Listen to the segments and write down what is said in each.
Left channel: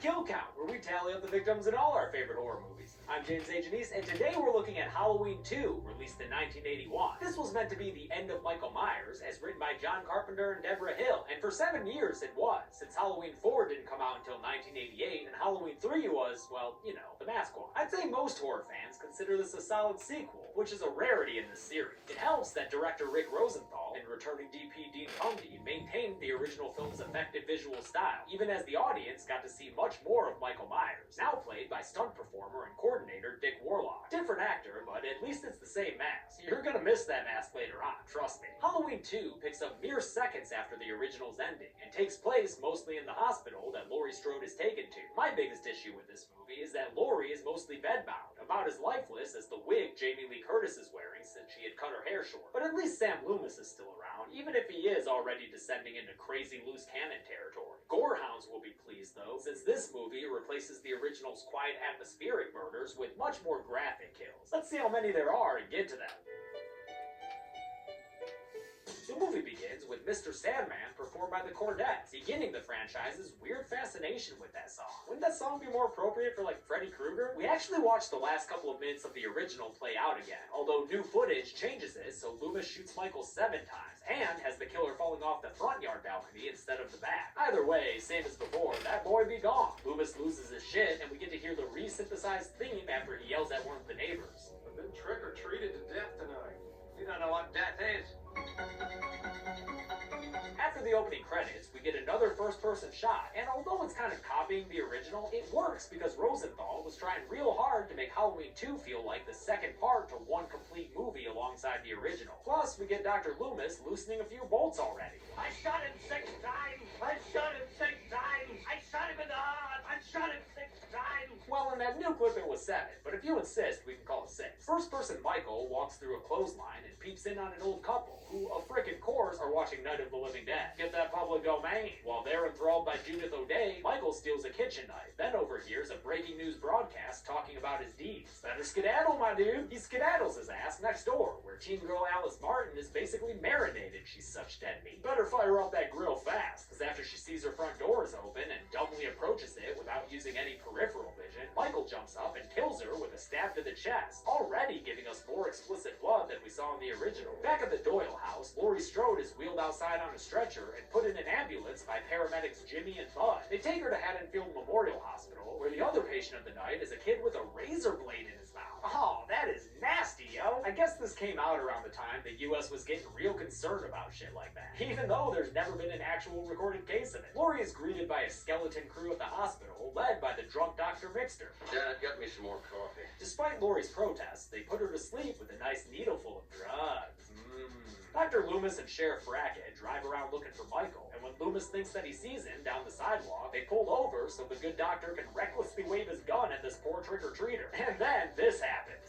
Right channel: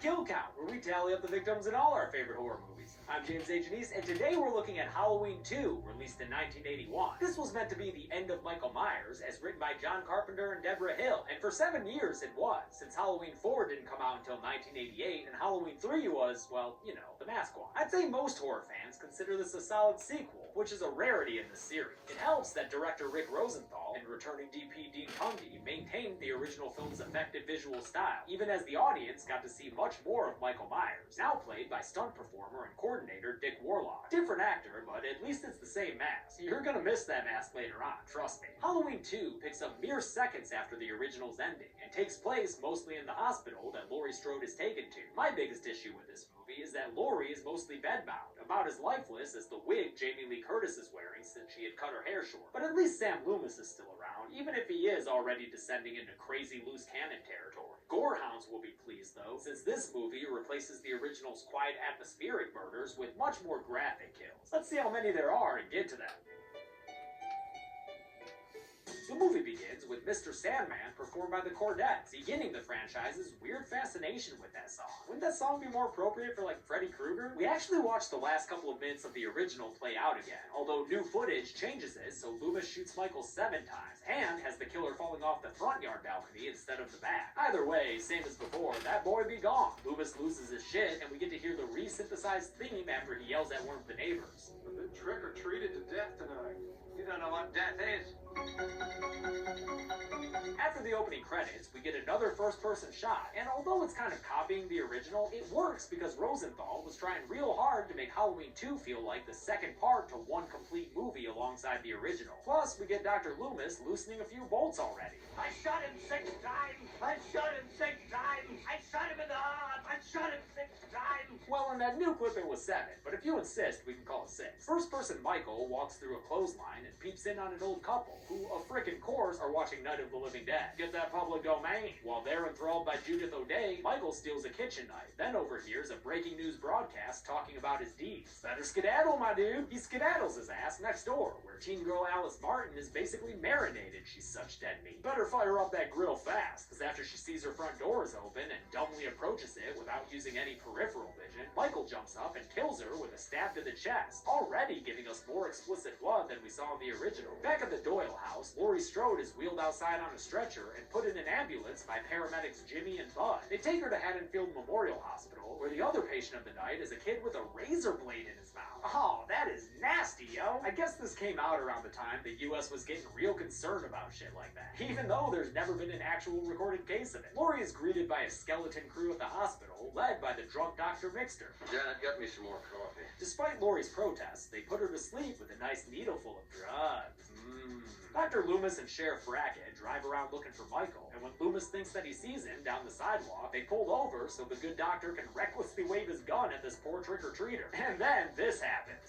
Kill Count, where we tally up the victims in all our favorite horror movies. I'm James A. Janice, and today we're looking at Halloween 2, released in 1981. This was meant to be the end of Michael Myers, as written by John Carpenter and Deborah Hill, and for 7 years it was, since Halloween 4 didn't come out until 1988, and Halloween 3 was, well, you know, the mask one. I'd say most horror fans consider this a solid sequel, which is a rarity in this series. It helps that director Rick Rosenthal and returning DP Dean Cundey maintained the original film's effective visual style, even as the audience got to see much more of Michael Myers, now played by stunt performer and coordinator Dick Warlock. Different actor, but at least it's the same mask. You're gonna miss that mask later on, trust me. Halloween 2 picks up mere seconds after the original's ending, and takes place mostly in the hospital that Laurie Strode is taken to. My biggest issue with this movie is that Laurie is mostly bedbound, about as lifeless as the wig Jamie Lee Curtis is wearing since she had cut her hair short. But at least Sam Loomis is still around, even if he is already descending into crazy loose cannon territory. Gorehounds will be pleased though, since this movie replaces the original's quiet atmospheric murders with much more graphic kills. Let's see how many there are and get to them. The movie begins with Mr. Sandman performed by the Cordettes, beginning the franchise's weird fascination with that song. Wouldn't that song be more appropriate for like Freddy Krueger? We actually watched the last couple of minutes of the original play out again, although new footage changes it so Loomis shoots Michael 7 times, and has the killer falling off the front yard balcony instead of the back. Either way, same as before, that boy be gone. Loomis loses his shit, and we get to hear the re-synthesized theme after he yells at one of the neighbors. I've been trick-or-treated to death tonight. You don't know what death is. After the opening credits, we get another first-person shot, and although it's kind of copying the original, it works because Rosenthal was trying real hard to make Halloween 2 feel like the second part to one complete movie alongside the original. Plus, we get Dr. Loomis loosening a few bolts already. I shot him 6 times. I shot him 6 times. I shot him in the heart. I shot him 6 times. Well, in that new clip it was 7, but if you insist, we can call it 6. First-person Michael walks through a clothesline and peeps in on an old couple, who, of frickin' course, are watching Night of the Living Dead. Get that public domain. While they're enthralled by Judith O'Day, Michael steals a kitchen knife, then overhears a breaking news broadcast talking about his deeds. Better skedaddle, my dude. He skedaddles his ass next door, where teen girl Alice Martin is basically marinated. She's such dead meat. Better fire up that grill fast, because after she sees her front door is open and dumbly approaches it without using any peripheral vision, Michael jumps up and kills her with a stab to the chest, already giving us more explicit blood than we saw in the original. Back at the Doyle house, Laurie Strode is wheeled outside on a stretcher and put in an ambulance by paramedics Jimmy and Bud. They take her to Haddonfield Memorial Hospital, where the other patient of the night is a kid with a razor blade in his mouth. Oh, that is nasty, yo. I guess this came out around the time the US was getting real concerned about shit like that, even though there's never been an actual recorded case of it. Laurie is greeted by a skeleton crew at the hospital, led by the drunk Dr. Mixter. Dad, get me some more coffee. Despite Laurie's protests, they put her to sleep with a nice needle full of drugs. Dr. Loomis and Sheriff Brackett drive around looking for Michael, and when Loomis thinks that he sees him down the sidewalk, they pull over so the good doctor can recklessly wave his gun at this poor trick-or-treater. And then this happens.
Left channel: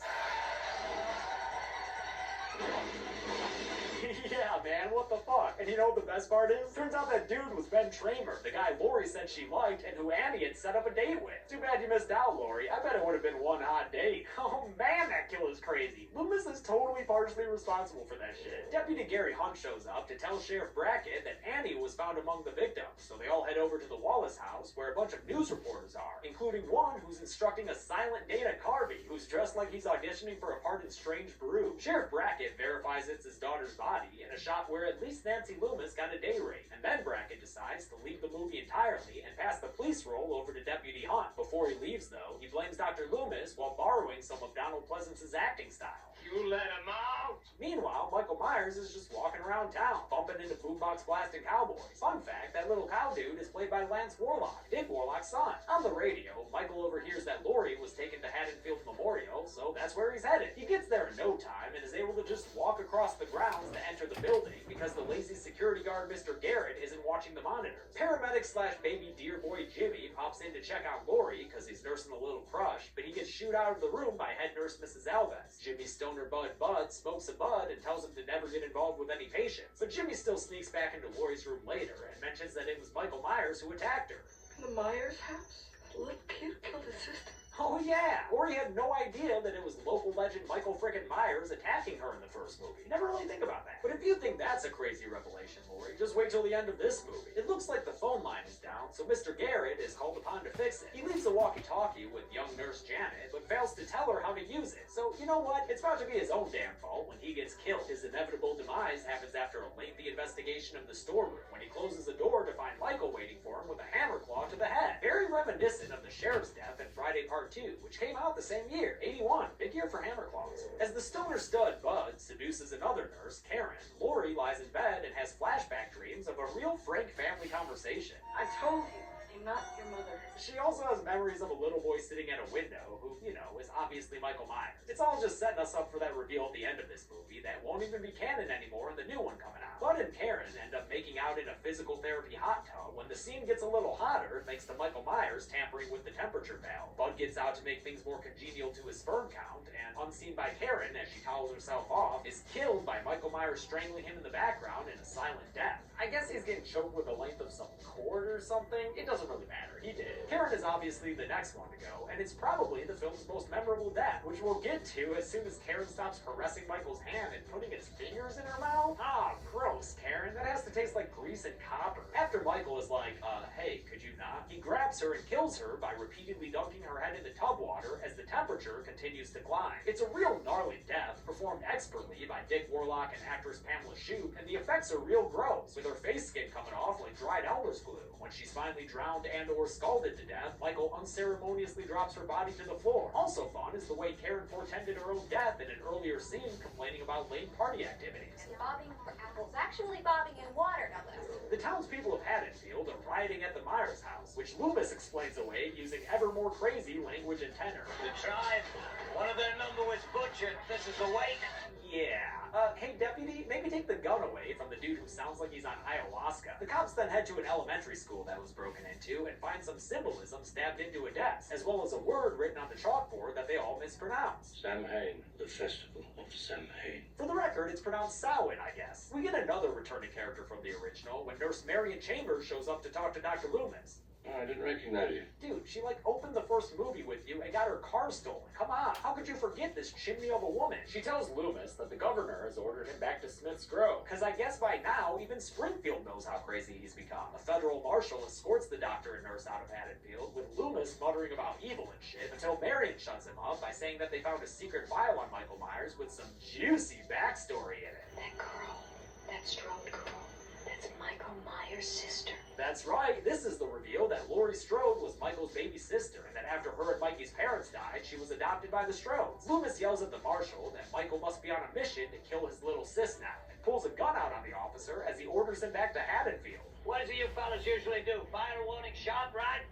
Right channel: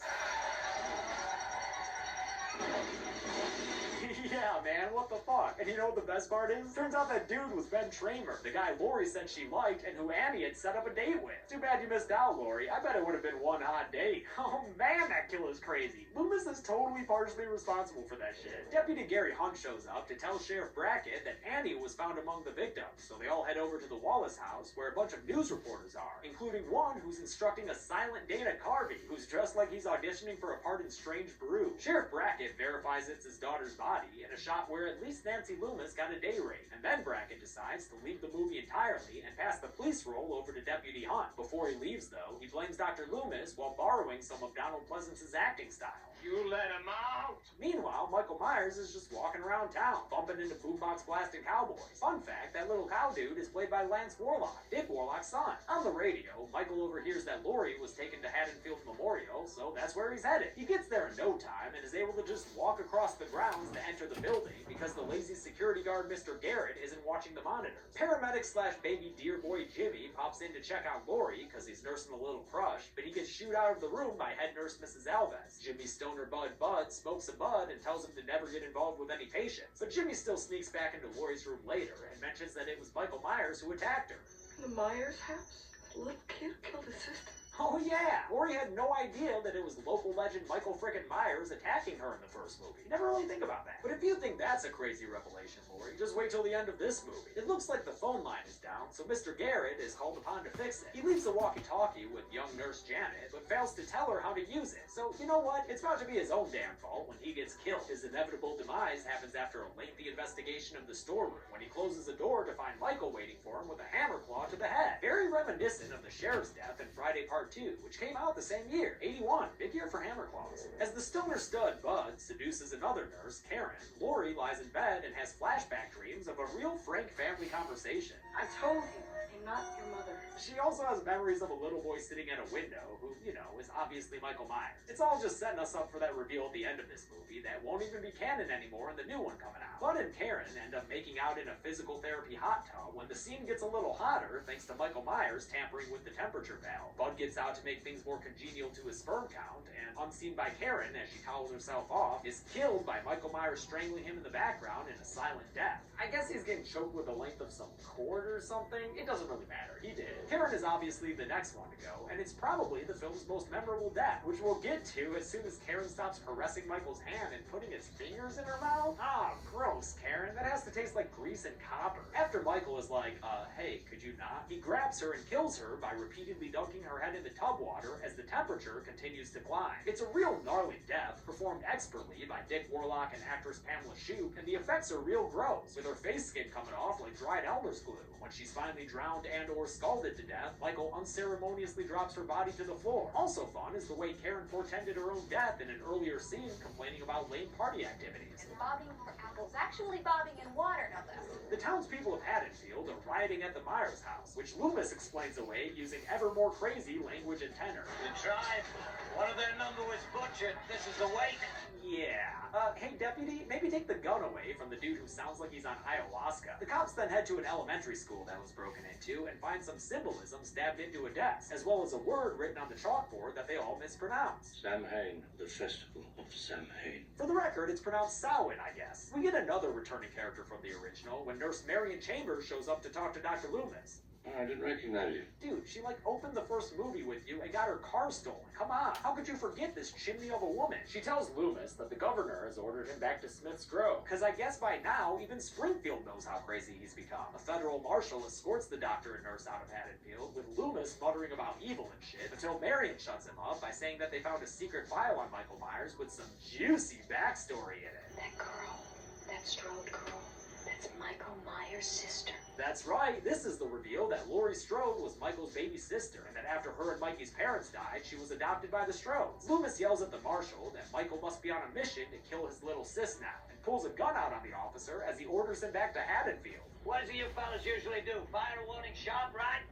Yeah, man, what the fuck? And you know what the best part is? Turns out that dude was Ben Tramer, the guy Laurie said she liked and who Annie had set up a date with. Too bad you missed out, Laurie. I bet it would have been one hot date. Oh man, that killer's crazy. Loomis is totally partially responsible for that shit. Deputy Gary Hunt shows up to tell Sheriff Brackett that Annie was found among the victims, so they all head over to the Wallace house where a bunch of news reporters are, including one who's instructing a silent Dana Carvey, who's dressed like he's auditioning for a part in Strange Brew. Sheriff Brackett verifies it's his daughter's body, in a shot where at least Nancy Loomis got a day rate. And then Brackett decides to leave the movie entirely and pass the police role over to Deputy Hunt. Before he leaves, though, he blames Dr. Loomis while borrowing some of Donald Pleasance's acting style. You let him out. Meanwhile, Michael Myers is just walking around town, bumping into boombox blasting cowboys. Fun fact, that little cow dude is played by Lance Warlock, Dick Warlock's son. On the radio, Michael overhears that Laurie was taken to Haddonfield Memorial, so that's where he's headed. He gets there in no time and is able to just walk across the grounds to enter the building because the lazy security guard Mr. Garrett isn't watching the monitor. Paramedic slash baby dear boy Jimmy pops in to check on Laurie because he's nursing a little crush, but he gets shooed out of the room by head nurse Mrs. Alves. Jimmy's stoner Bud smokes a bud and tells him to never get involved with any patients, but Jimmy still sneaks back into Laurie's room later and mentions that it was Michael Myers who attacked her. In the Myers house? That little kid killed his sister? Oh yeah, Laurie had no idea that it was local legend Michael frickin' Myers attacking her in the first movie. You never really think about that. But if you think that's a crazy revelation, Laurie, just wait till the end of this movie. It looks like the phone line is down, so Mr. Garrett is called upon to fix it. He leaves a walkie-talkie with young nurse Janet, but fails to tell her how to use it. So, you know what? It's about to be his own damn fault when he gets killed. His inevitable demise happens after a lengthy investigation of the storeroom, when he closes the door to find Michael waiting for him with a hammer claw to the head. Very reminiscent of the sheriff's death in Friday Part 2, which came out the same year, 81. Big year for hammer claws. As the stoner stud Bud seduces another nurse, Karen, Laurie lies in bed and has flashback dreams of a real frank family conversation. I told you, I'm not your mother. She also has memories of a little boy sitting at a window who, you know, is obviously Michael Myers. It's all just setting us up for that reveal at the end of this movie that won't even be canon anymore in the new one coming out. Bud and Karen end up making out in a physical therapy hot tub when the scene gets a little hotter thanks to Michael Myers tampering with the temperature valve. Bud gets out to make things more congenial to his sperm count, and unseen by Karen as she towels herself off, is killed by Michael Myers strangling him in the background in a silent death. I guess he's getting choked with the length of some cord or something. It doesn't really matter. He did. Karen is obviously the next one to go, and it's probably the film's most memorable death, which we'll get to as soon as Karen stops caressing Michael's hand and putting his fingers in her mouth. Ah, gross, Karen. That has to taste like grease and copper. After Michael is like, hey, could you not? He grabs her and kills her by repeatedly dunking her head into tub water as the temperature continues to climb. It's a real gnarly death, performed expertly by Dick Warlock and actress Pamela Shoup, and the effects are real gross, with her face skin coming off like dried Elmer's glue. When she's finally drowned and or scalded to death, Michael unceremoniously drops her body to the floor. Also fun is the way Karen portended her own death in an earlier scene, complaining about late party activities. And bobbing for apples. Actually bobbing in water, no less. The townspeople of Haddonfield are rioting at the Myers house, which Loomis explains away using ever more crazy language and tenor. The tribe, one of their number was butchered. This is the wake. Yeah. Hey, deputy, maybe take the gun away from the dude who sounds like he's on ayahuasca. The cops then head to an elementary school that was broken into and find some symbolism stabbed into a desk, as well as a word written on the chalkboard that they all mispronounce. Samhain, the festival of Samhain. For the record, it's pronounced Samhain, I guess. We get another returning character from the original when Nurse Marion Chambers shows up to talk to Dr. Loomis. I didn't recognize you. Dude, she opened the first movie with you and got her car stolen. Come on, how could you forget this chimney of a woman? She tells Loomis that the governor has ordered him back to Smith's Grove. Cause I guess by now, even Springfield knows how crazy he's become. A federal marshal escorts the doctor and nurse out of Haddonfield, with Loomis muttering about evil and shit, until Marion shuts him up by saying that they found a secret file on Michael Myers with some juicy backstory in it. That girl, that strode girl, that's Michael Myers' sister. That's right, this is the reveal that Laurie Strode was Michael's baby sister, and that after her and Mikey's parents died, she was adopted by the Strodes. Loomis yells at the marshal that Michael must be on a mission to kill his little sis now, and pulls a gun out on the officer as he orders him back to Haddonfield. What does you fellas usually do? Fire a warning shot, right?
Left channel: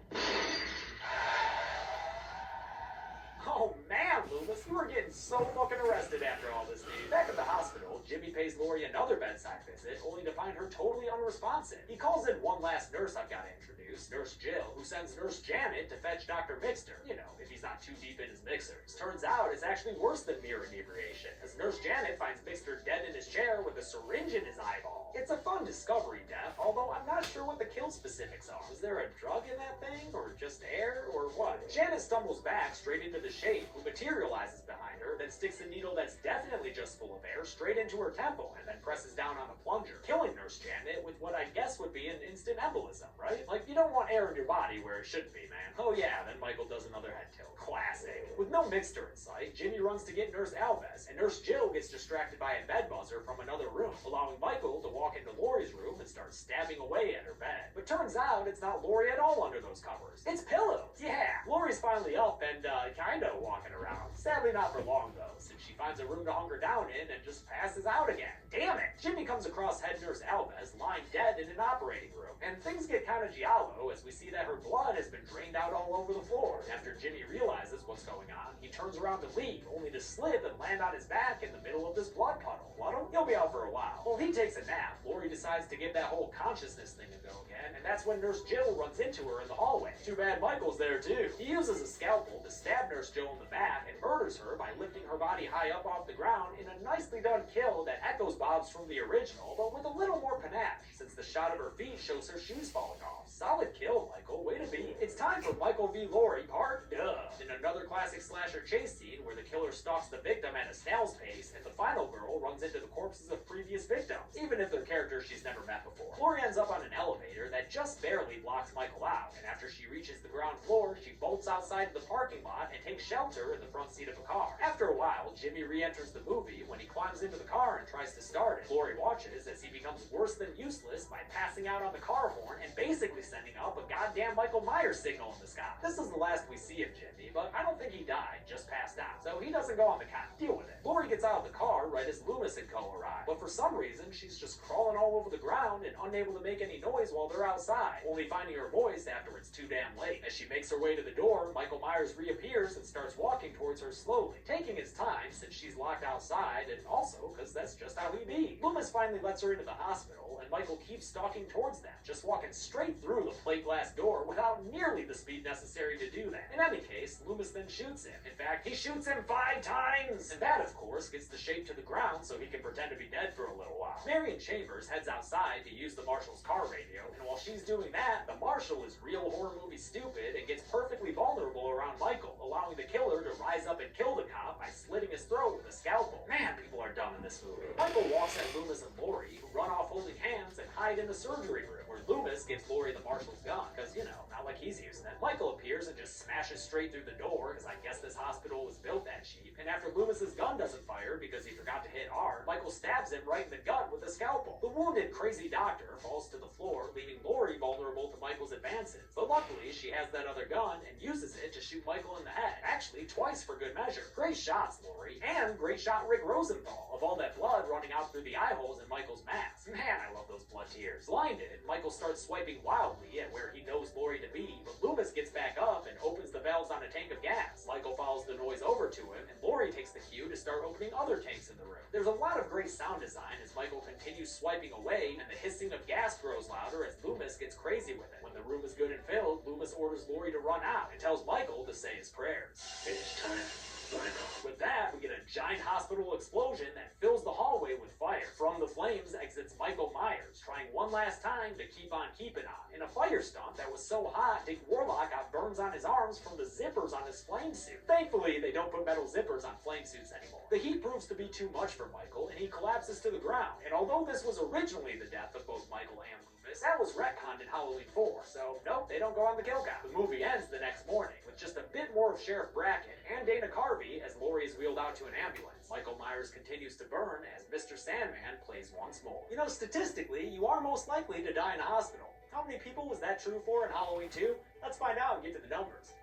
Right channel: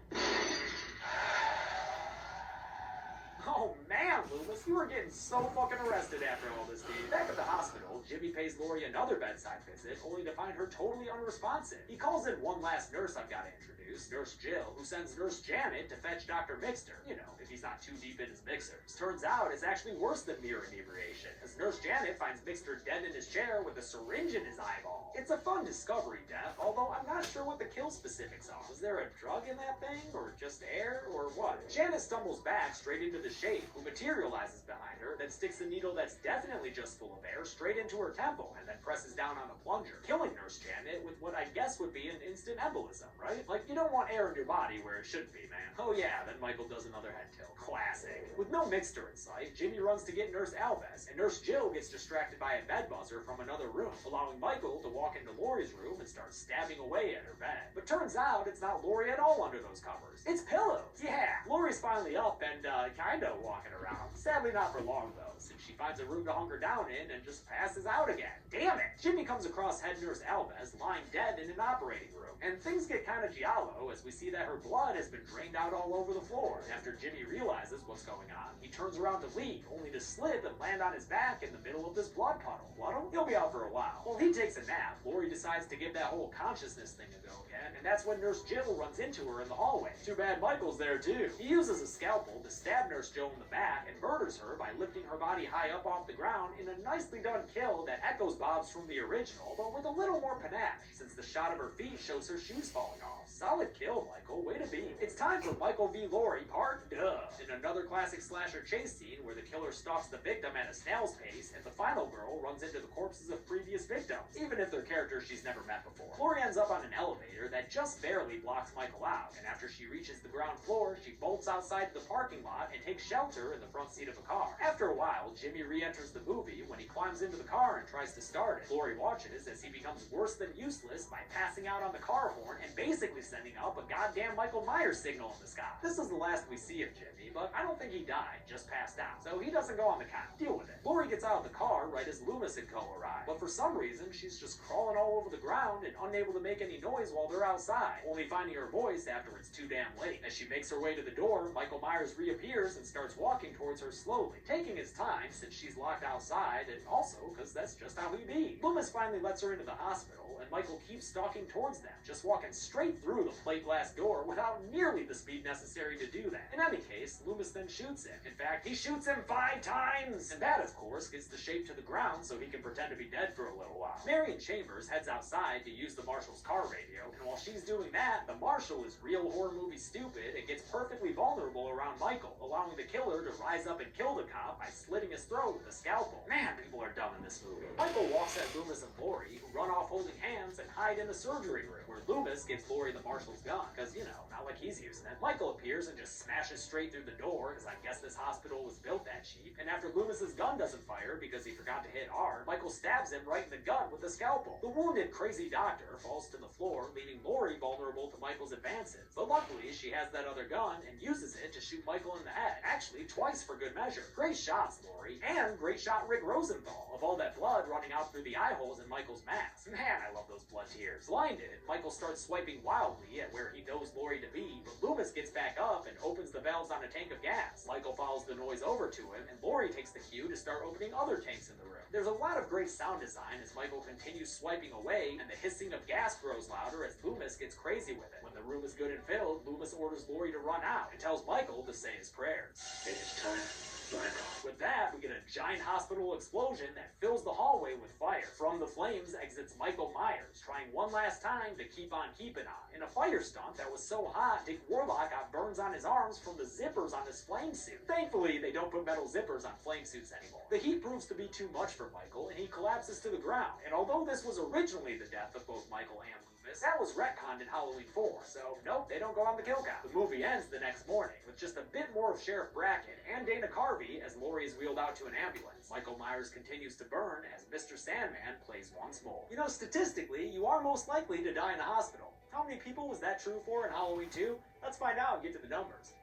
Oh man, Loomis, you were getting so fucking arrested after all this, dude. Back at the hospital, Jimmy pays Laurie another bedside visit, only to find her totally unresponsive. He calls in one last nurse I've got to introduce, Nurse Jill, who sends Nurse Janet to fetch Dr. Mixter. You know, if he's not too deep in his mixers. Turns out it's actually worse than mere inebriation, as Nurse Janet finds Mixter dead in his chair with a syringe in his eyeball. It's a fun discovery death, although I'm not sure what the kill specifics are. Was there a drug in that thing, or just air, or what? Janet stumbles back straight into the shape, who materializes behind her, then sticks a needle that's definitely just full of air straight into her temple, and then presses down on the plunger, killing Nurse Janet with what I guess would be an instant embolism, right? Like, you don't want air in your body where it shouldn't be, man. Oh yeah, then Michael does another head tilt. Classic. With no Mixter in sight, Jimmy runs to get Nurse Alves, and Nurse Jill gets distracted by a bed buzzer from another room, allowing Michael to walk into Laurie's room and start stabbing away at her bed. But turns out it's not Laurie at all under those covers. It's pillows. Yeah, Laurie's finally up and kinda walking around. Sadly not for long though, since she finds a room to hunker down in and just passes out again. Damn it! Jimmy comes across head nurse Alves lying dead in an operating room, and things get kinda giallo as we see that her blood has been drained out all over the floor. After Jimmy realizes what's going on, he turns around to leave, only to slip and land on his back in the middle of this blood puddle. Puddle? He'll be out for a while. While he takes a nap, Laurie decides to give that whole consciousness thing a go again, and that's when Nurse Jill runs into her in the hallway. Too bad Michael's there there too. He uses a scalpel to stab Nurse Joe in the back and murders her by lifting her body high up off the ground in a nicely done kill that echoes Bob's from the original, but with a little more panache, since the shot of her feet shows her shoes falling off. Solid kill, Michael. Way to be. It's time for Michael v. Laurie Part Duh. In another classic slasher chase scene where the killer stalks the victim at a snail's pace and the final girl runs into the corpses of previous victims, even if they're characters she's never met before. Laurie ends up on an elevator that just barely blocks Michael out, and after she reaches the ground floor, she bolts outside the parking lot and takes shelter in the front seat of a car. After a while, Jimmy re-enters the movie when he climbs into the car and tries to start it. Laurie watches as he becomes worse than useless by passing out on the car horn and basically sending up a goddamn Michael Myers signal in the sky. This is the last we see of Jimmy, but I don't think he died, just passed out, so he doesn't go on the count. Deal with it. Laurie gets out of the car right as Loomis and co arrive, but for some reason, she's just crawling all over the ground and unable to make any noise while they're outside, only finding her voice after it's too damn late. As she makes her way to the door, Michael Myers reappears and starts walking towards her slowly, taking his time since she's locked outside, and also because that's just how he be. Loomis finally lets her into the hospital, and Michael keeps stalking towards them, just walking straight through the plate glass door without nearly the speed necessary to do that. In any case, Loomis then shoots him. In fact, he shoots him 5 times! And that, of course, gets the shape to the ground so he can pretend to be dead for a little while. Marion Chambers heads outside to use the Marshal's car radio, and while she's doing that, the Marshal is real horror movie stupid and gets perfectly vulnerable around Michael, allowing the killer to rise up and kill the cop by slitting his throat with a scalpel. Man, people are dumb in this movie. Michael walks at Loomis and Laurie, who run off holding hands and hide in the surgery room, where Loomis gives Laurie the Marshal's gun, because, you know, not like he's using it. Michael appears and just smashes straight through the door, because I guess this hospital was built that cheap, and after Loomis's gun doesn't fire because he forgot to hit R, Michael stabs him right in the gut with a scalpel. The wounded crazy doctor falls to the floor, leaving Laurie vulnerable to Michael's advances, but luckily she has that other gun and uses it to shoot Michael in the head, actually twice for good measure. Great shots, Laurie, and great shot Rick Rosenthal, of all that blood running out through the eye holes in Michael's mask. Man, I love those blood tears. Blinded, Michael starts swiping wildly at where he knows Laurie to be, but Loomis gets back up and opens the valves on a tank of gas. Michael follows the noise over to him, and Laurie takes the cue to start opening other tanks in the room. There's a lot of great sound design as Michael continues swiping away, and the hissing of gas grows louder as Loomis gets crazy with it. When the room is good and filled, Loomis orders Laurie to run out and tells Michael to say his prayers. It is time, Michael. With that, we get a giant hospital explosion that fills the hallway with fire. From the flames exits Michael Myers, trying one last time to keep on keeping on. In a fire stunt that was so hot, Dick Warlock got burns on his arms from the zippers on his flame suit. Thankfully, they don't put metal zippers on flame suits anymore. The heat proves to be too much for Michael, and he collapses to the ground. And although this was originally the death of both Michael and Loomis, that was retconned in Halloween 4, so nope, they don't go on the kill count. The movie ends the next morning with just a bit more of Sheriff Brackett and Dana Carvey as Laurie is wheeled out to an ambulance. Michael Myers continues to burn as Mr. Sandman plays once more. You know, statistically, you are most likely to die in a hospital. How many people was that true for in Halloween 2? Let's find out and get to the numbers.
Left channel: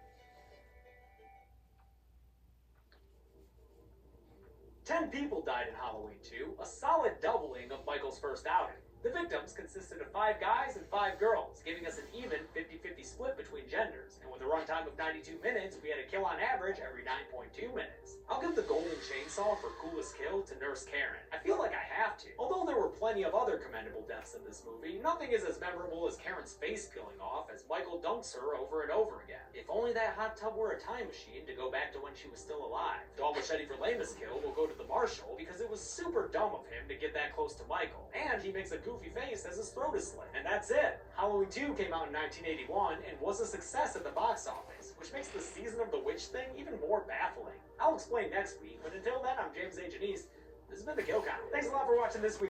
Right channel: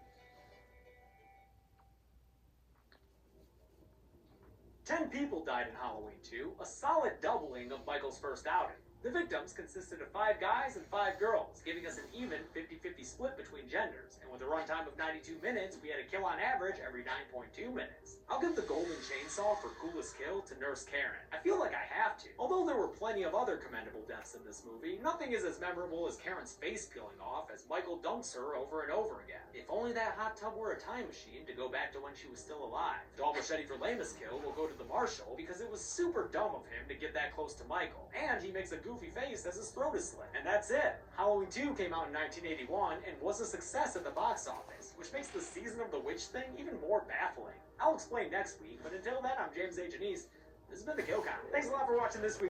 10 people died in Halloween 2, a solid doubling of Michael's first outing. The victims consisted of 5 guys and 5 girls, giving us an even 50-50 split between genders, and with a runtime of 92 minutes, we had a kill on average every 9.2 minutes. I'll give the golden chainsaw for coolest kill to Nurse Karen. I feel like I have to. Although there were plenty of other commendable deaths in this movie, nothing is as memorable as Karen's face peeling off as Michael dunks her over and over again. If only that hot tub were a time machine to go back to when she was still alive. Dog machete for lamest kill will go to the Marshal because it was super dumb of him to get that close to Michael, and he makes a goofy face as his throat is slit. And that's it. Halloween 2 came out in 1981 and was a success at the box office, which makes the Season of the Witch thing even more baffling. I'll explain next week, but until then, I'm James A. Janice. This has been The Kill Count. Thanks a lot for watching this week.